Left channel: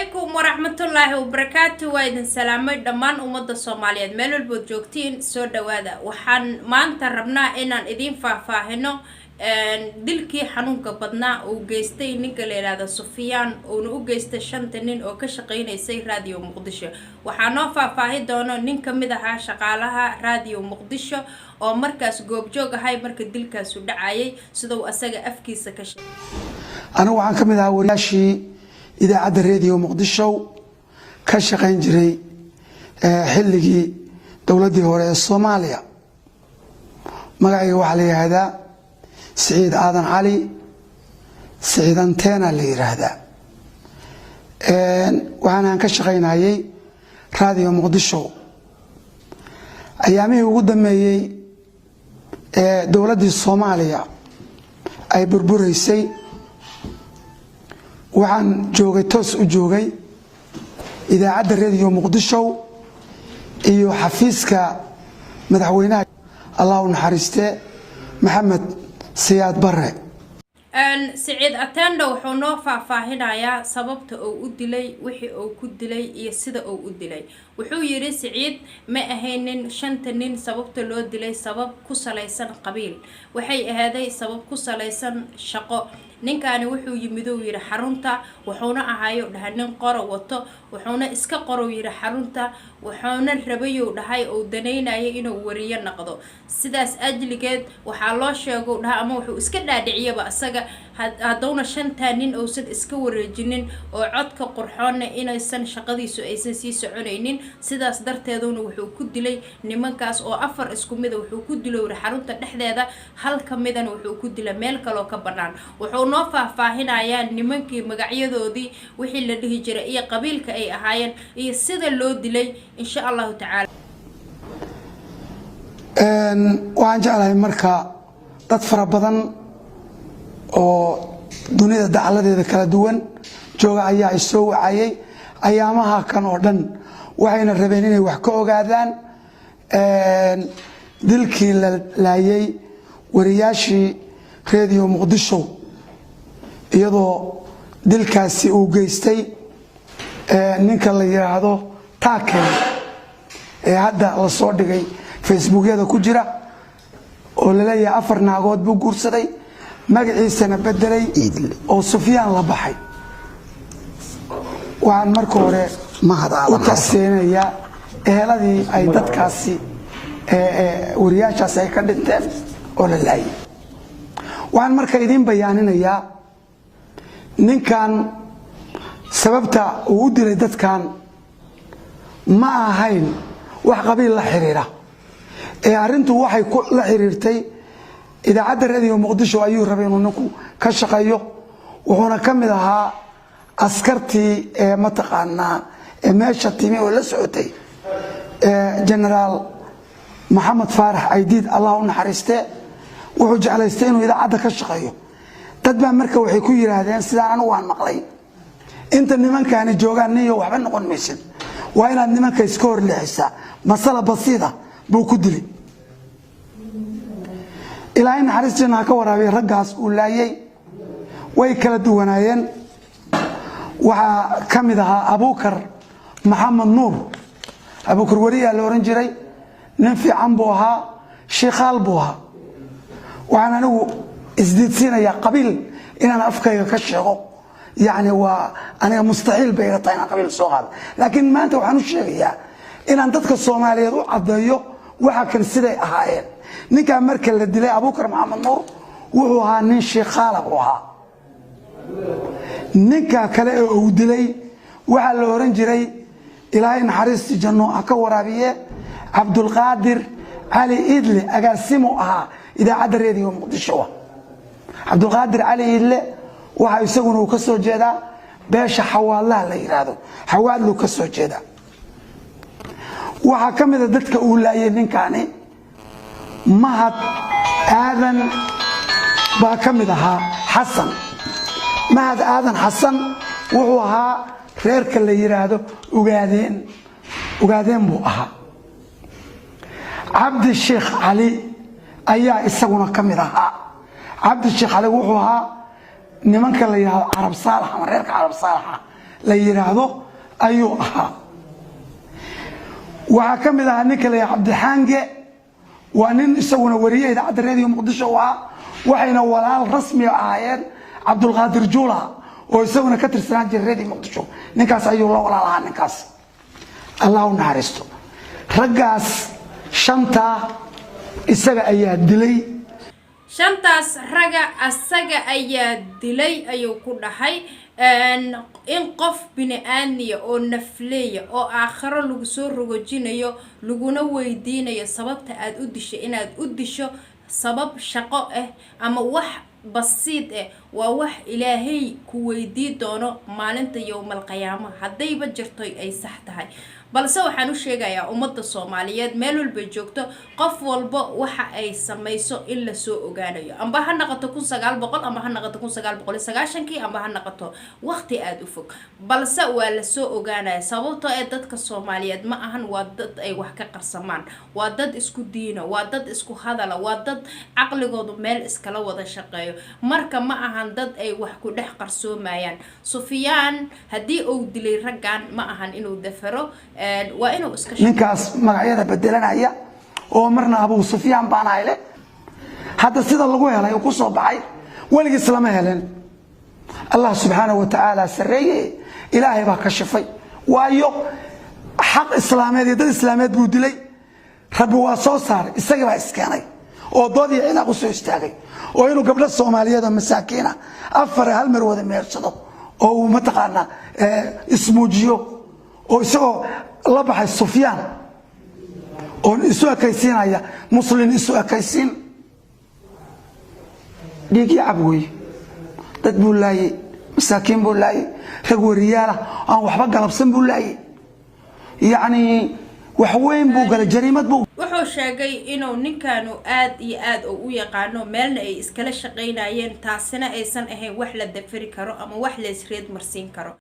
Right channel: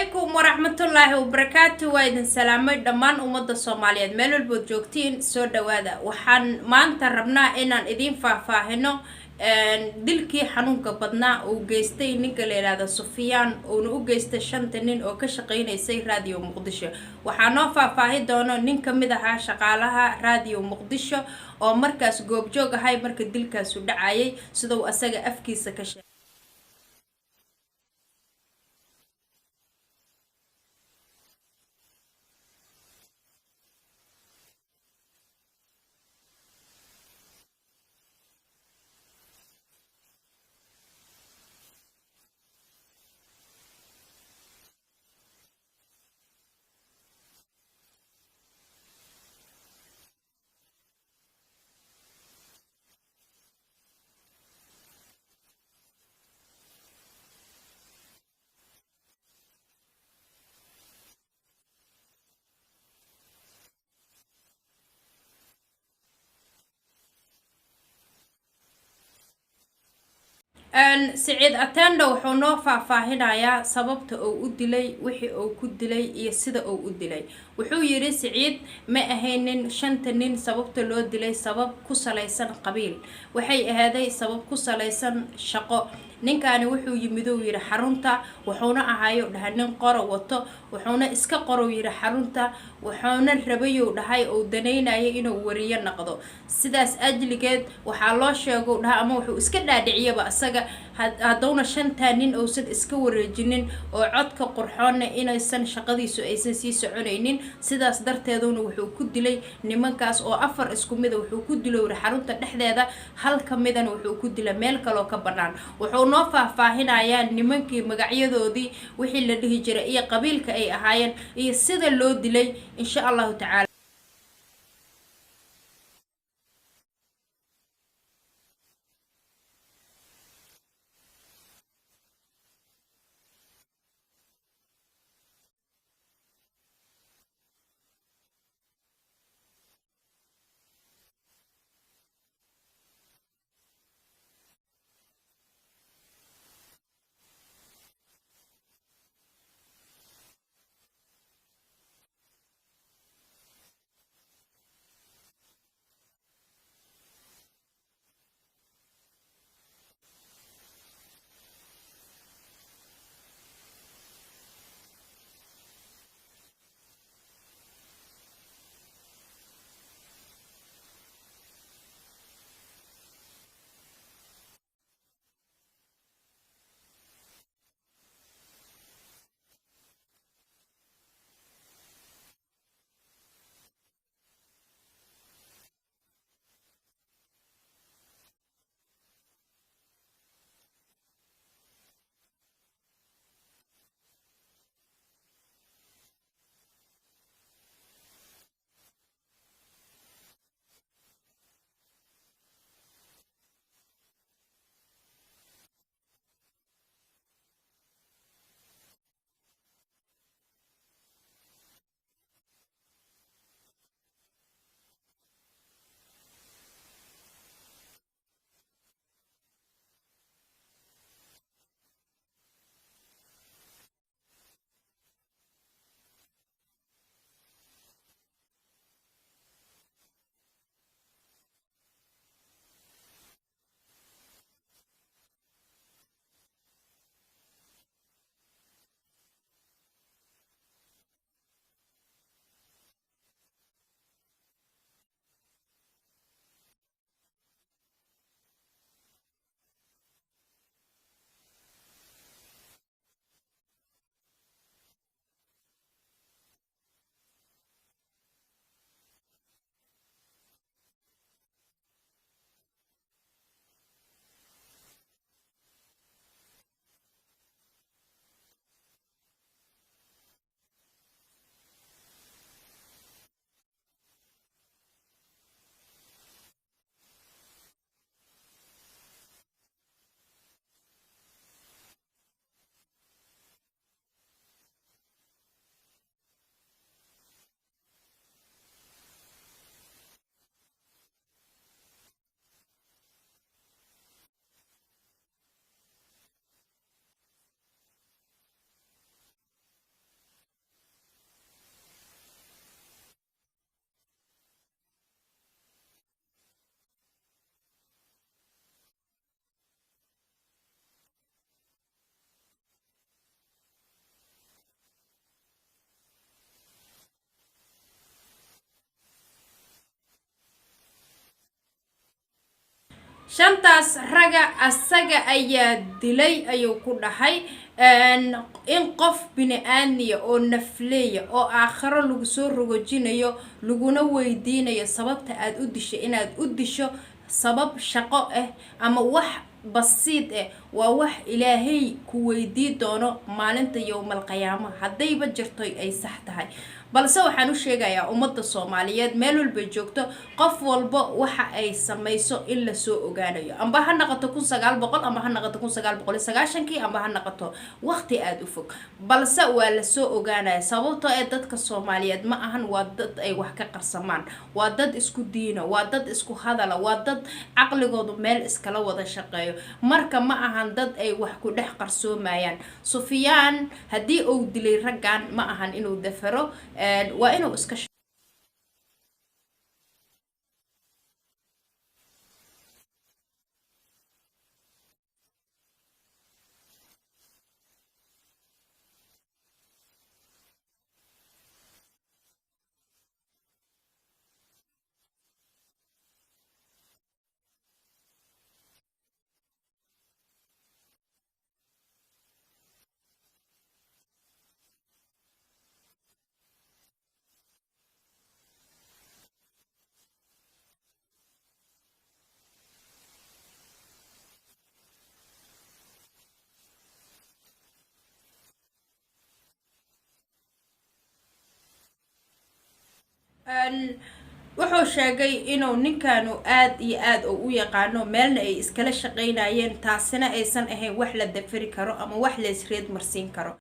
عليكم ورحمة الله وبركاته وإذن سلامي دمان أمد الصوماليات ميلو البوجوكتين سو دوادا وحان ما انت ربنا إنان إذين فاهنو dilkii xanuunka badnaa uu geystay ninka la yiraahdo Sufyaan oo uu geystay 5 nin oo ka shaqeynayay Radio Muqdisho waxaa noo faahfaahin doona nin kamid ah shaqaalaha Radio Muqdisho oo markaas goobjoog ahay marka dilkaas u dhacayay sida uu asaga afkiisa ka sheegay أنا وعن كم إذا ورياشي إذا عد الراديو مقدشو كشقين جري حلقي دولتي هو الصومالية مقعي وحلي هذا سعيد آذن علي سعيد أنتينا اللي هذا وأنا كشقين هاي راديو مقدشو أيامي وقدمي دولتي الصومالية أي بربوريسي وعن جوجي توس وجوجي إذا عد الراديو مقدشو إيو حفيزك مدحوينات الله نحرسته محمد سياد برة سعيد أتندو وحنو فاهنايا سببت أو أدلي وحي أو كدلي يسد أو أدلي وحو يري سعيد ما أهينن شنتنين سببت لو أدلي سبب كسليسن قبيل وحي هذا سبب كسليسن شقاء ninkaani wuxuu yimido yiri xarunta wuxuuna ahayo dhahay nin qoro wato wuxuuna iska qoro yiri xarunta wuxuuna rabayo dhahay oo daneynaya inuu wariyo noqdo sidaas ajligeed waxa loo sheego dhahay ama wuxuu iska dhaadhiciyaba asaga hadawna shanta nin oo sid iska wareejinin oo codka qurxoon inaysan shaqadiisu aysan sii soconaynin sidaas darteeduna wuxuu ku dilay nimankaas oo afar isku mid wuxuu ku dilay xarunta dhexdeeda hal kamidana wuxuu ku dilay meel kale oo ka banaan wuxuu noo faahfaahinayaan nimankii magacyadoodii wixii la dhihi jiray iyo qabiilka ay ahaayeen iyo sida loo dilay insha Allah ta'ala waxaan jeclahay marka dad fara badan oo dunida dacaladeeda kala duwan jooga ayaa soo wacayay ayaamaha kan oo dhan waxayna rabeen inay wax ka ogaadaan dilkii la laayay wariyaashii Radio Muqdisho iyadoo dilkaasi uu geystay ninka la yiraahdo Taakay hadda la soo dhigay Facebook-yada ku jira oo la leeyahay afar naagood buu guursaday magaciisana bedelay oo Sufyaan la baxay waxaan marka hore u taaseenaya eheladii ay dadkaasi wariyaashaas ay ka dhinteen oo la laayay waxaan marka idin bayaaninayaa ninkan sababta uu u dilay dadkan ma ahayn wax qabiil la xiriira arintu waxay la xiriirtay idaacadda Radio Muqdisho ayuu rabay inuu ninku ka shaqeeyo wuxuuna kamid ahaa askartii mataqaanaa meesha timi oo la socotay General Maxamed Faarax Aydiid Allah u naxariistee wuxuu jeclaystay inuu idaacadda ka shaqeeyo dad baa marka waxay ku yiraahdeen sidaan anigu waan maqlay inta nimankaani joogaan niyo waxba noqon maysan waa inaad nimanka iska hor leexisa masala basiida buu ku dilay ilaahay naxariistina ka waraabay raggaas uu laayay way kala duwanaayeen waxa kamid ahaa Abuukar Maxamed Nuur Abuukar wariya la oran jiray nin fiican buu ahaa sheekhaal buu ahaa waxaan anigu isdiidsiinaya qabiil inaan afkayga ka sheego يعني وأنا مستحيل بيرتين قبل الصغار لكن ما أنت وحنو شيء إن أنت كالصومالية عضيو وحكن سيدي أهايين نكا مركل للدلاء أبو بكر محمد نور وهو هانين شيخ خالق وها نكا كلا ودلي وحل أورنجري إلهي نحرس جنو أكور أبيه عبد القادر علي إدلي أقاسمه أها إذا عاد الراديو مقدشوه عبد القادر علي إدلي waxa isaguna uu ka soo jeedaa beesha xawaalaha la yiraahdo xawaalu ka soo jeeda waxa kamid ah dadka uu laayay ninkaani mahad aadan baa kamid ahaa xasan mahad aadan xasan wuxuu ahaa reerka la yiraahdo ugaadeen buu ahaa cabdi sheekh ali ayaa isaguna kamid ahaa cabdi sheekh ali wuxuu ahaa nimanka la yiraahdo Arab Saalax ama reerka Arab Saalax la yiraahdo ayuu ahaa waxa kamid ah ninka la Cabdixaange waa nin isaguna wariyay idaacadda radio Muqdisho waxayna walaal rasmi ahaayeen Cabdulqaadir Juula oo isaguna ka tirsanaa jiray radio Muqdisho ninkaas ayuu la walaalahaa ninkaas Allah u naxariisto raggaas shanta isaga ayaa dilay shantaas raga asaga ayaa dilay ayuu ku dhahay in qof bini'aadmiya oo nafleeya oo aakhiro lagu soo rogojinayo laguna weydiinayo sababta aad u dishay inaad u disho sabab shaqo ama wax basiid waa wax ilaahay ku weydii doono maalinta yawmal qiyaamaha hadayba jirto ay sax tahay balse waxaan u sheegayaa ummadda Soomaaliyeed meel walba joogto qof walba waxa ay samayso in la soo ogaanayo amba ha noqoto 1900 amba ha noqoto 1990 amba ha noqoto waqti aad u fog balse waa la soo ogaanaya sababtoo ay dadka Soomaaliyeed ma ahan waa dad ay wax ka qarsamaan waa dad isku diina waa dad isku hadala waa dad aqligoodu meel iskala wada shaqeeyo marka ma ahan dad ay wax ku dhex qarsoomayaan Sufyaan hadii uu dilay raggan ma ahan inuu dafaro waa inuu iska ninkaas magacyada bedelanaya oo marna Abu Sufyaan baan ayle hadda sida lagu helay oo ku soo baxay waliga islaama heleen Allah subhanahu wa ta'ala sareeye ilaahay baa ka shafay waayo xaq islaameed iyo dad islaameed buu dilay rabbi waa soo saaray isaga baa iskeenay oo doodii ciidan ku soo istaagay oo inuu gabdho Soomaaliyeed oo masaakiina afar hal mar wada meersado oo ma taqaana ismuujiyo oo isagoo la baxay Sufyaan oo isu akaysiinaya muslim isu akaysiin dhigi abwey dad buu laayay masaakiin buu laayay rag wariyaal aan waxba galabsan buu laayay yaani wax weyn buu gal jariimad buu wuxuu sheegay inuu ninkaanu aad iyo aad u yaqaano meelna ay iskala shaqeynayeen taasina aysan ahayn wax la dafiri karo ama wax la isreed marsiin karo